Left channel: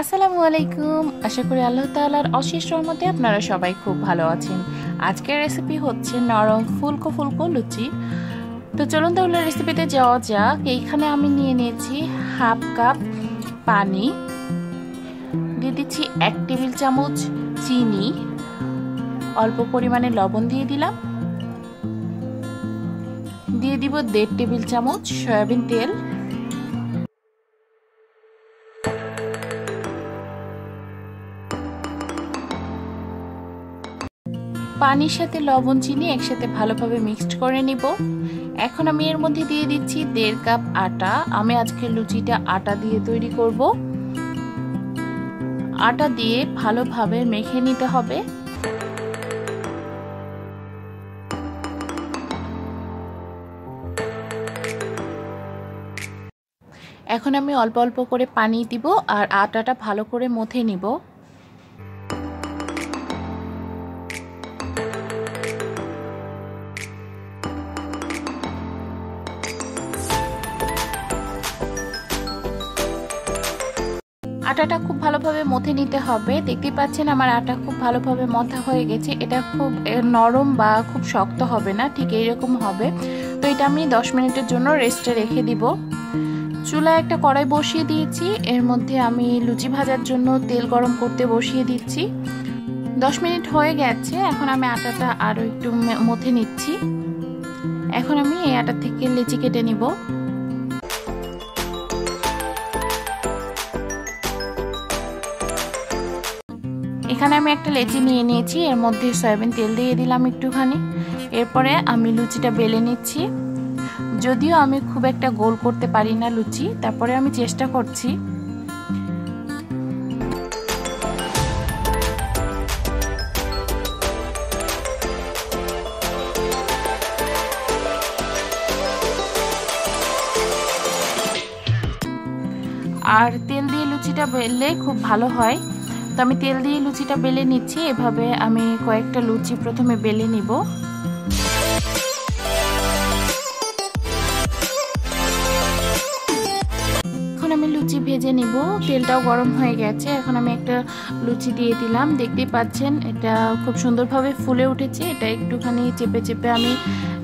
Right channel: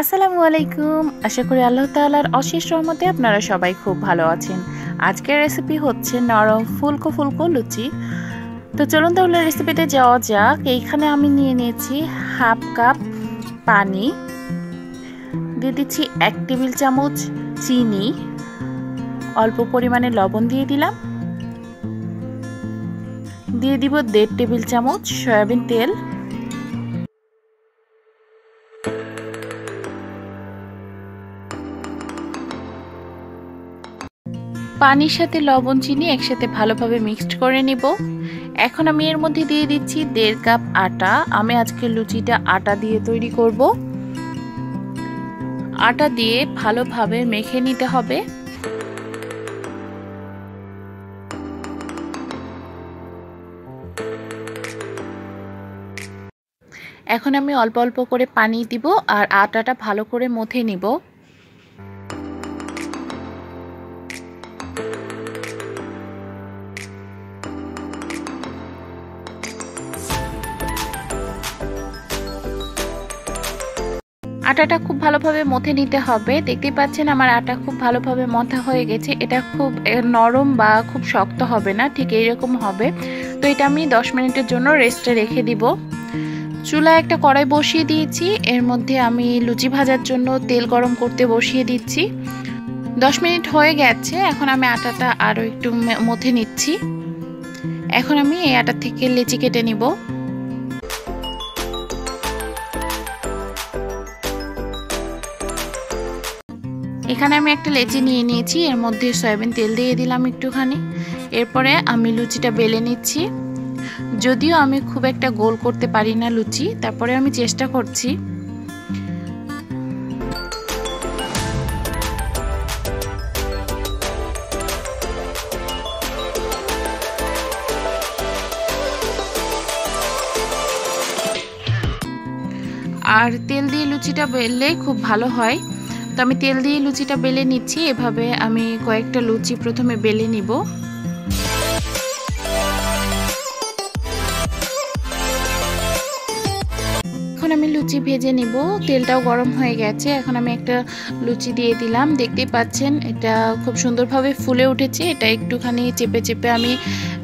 আসসালামু আলাইকুম। আশা করি আল্লাহ তাআলার অশেষ রহমতে আপনারা সবাই খুব ভালো আছেন। আজকের রেসিপি হচ্ছে নরম ফুলকো ফুলকো লুচি। তো চলুন তাহলে রেসিপিতে যাওয়া যাক। এইখানে আমি নিয়ে নিয়েছি হাফ কাপ পানি, দিয়ে দিচ্ছি 1 টেবিল চামচ চিনি, অল্প পরিমাণে লবণ দিয়ে দিলাম, দিয়ে দিব 1.5 টেবিল চামচ সয়াবিন তেল, পানির সাথে লবণ চিনি একসাথে ভালোভাবে মিক্সড করে নিব। এখন আমি এর মধ্যে দিয়ে দিচ্ছি 1.5 কাপ আটা। আমি আজকে লুচিটা আটা দিয়ে তৈরি করব। আটা দিয়ে ভালোভাবে মেখে নিতে হবে। এখন আমি অল্প অল্প করে পানি দিব আর আটাটা ভালো করে মথে নিব। আটাটা খুব ভালোভাবে মথে নিতে হবে। দেখতেই পাচ্ছেন আমার আটা খুব ভালোভাবে মথা হয়ে গেছে। এটা খুব নরম বা খুব শক্ত হবে না, ঠিক এইরকম হবে। তো এটা আমি 10 মিনিটের জন্য রেস্টে রেখে দিব। চুলায় একটা কড়াই বসিয়ে দিয়েছি, এর মধ্যে আমি লুচি ভাজার জন্য তেল গরম করতে বসিয়ে দিচ্ছি। 10 মিনিট হয়ে গেছে। এখন আমি আটাটা আরও একটু মথে নিচ্ছি। এখন আমি এই আটা থেকে লিচি কেটে নিব। এখানে আমি একটা লেচি নিয়ে নিয়েছি, এর মধ্যে সয়াবিন তেল দিয়ে দিলাম একটুখানি। এরপরে আমি লুচিটা বেলে নিচ্ছি। যদিও আমি খুব একটা গোল করতে পারি না লুচি, তারপরে আমি চেষ্টা করছি। আর তেল দিয়ে লুচিটা বেললে খুব ভালো হয়। তো আমি তেল দিয়ে লুচিটা বেলে নিচ্ছি। এভাবে আমি কয়েকটা লুচি প্রথমে বেলে নিব। এখন আমি লুচি ভেজে নিব। তেলটাও গরম হয়ে গেছে। এখন আমি একটা লুচি দিয়ে দিলাম। দেখতেই পাচ্ছেন এটা খুব সুন্দরভাবে ফুলে উঠেছে। এটা একটুখানি চেপে চেপে আমি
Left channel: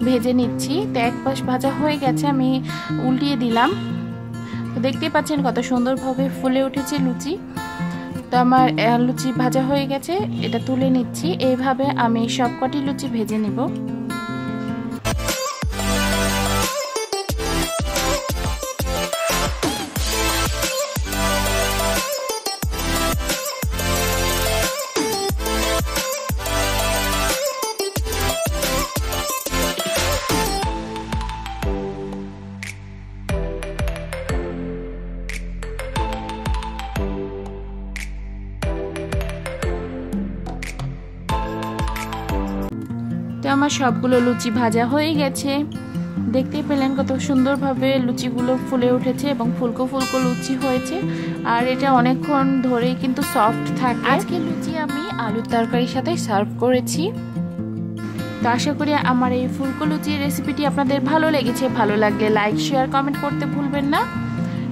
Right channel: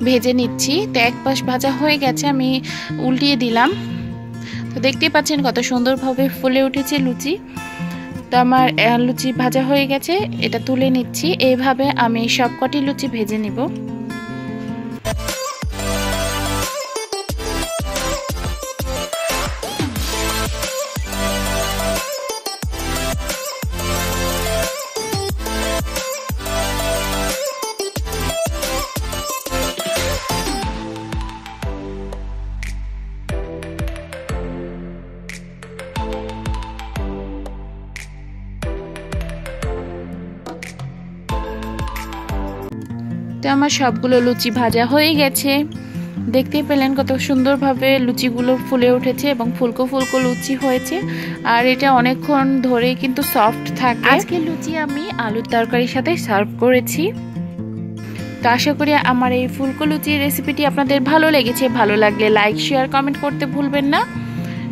ভেজে নিচ্ছি। তো এক পাশ ভাজা হয়ে গেছে, আমি উল্টিয়ে দিলাম। তো দেখতেই পাচ্ছেন কত সুন্দরভাবে ফুলে উঠেছে লুচি। তো আমার লুচি ভাজা হয়ে গেছে, এটা তুলে নিচ্ছি। এইভাবে আমি সবকটি লুচি ভেজে নিব। তো আমার সবগুলো লুচি ভাজা হয়ে গেছে। দেখতেই পেলেন কত সুন্দরভাবে লুচিগুলো ফুলে উঠেছে এবং ফুলকো ফুলকো লুচি হয়েছে। আর এটা অনেকক্ষণ ধরেই কিন্তু সফট থাকে। আজকে লুচি আমি আলুর তরকারির সাথে সার্ভ করেছি। তো আশা করি আমার এই ফুলকো লুচির রেসিপিটি আপনাদের ভালো লেগেছে। ভালো লাগলে লাইক শেয়ার কমেন্ট করতে ভুলবেন না।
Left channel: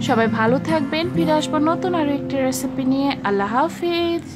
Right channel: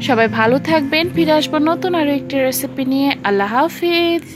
সবাই ভালো থাকবেন। ফিরে আসবো নতুন আরও একটি রেসিপি নিয়ে। আল্লাহ হাফিজ।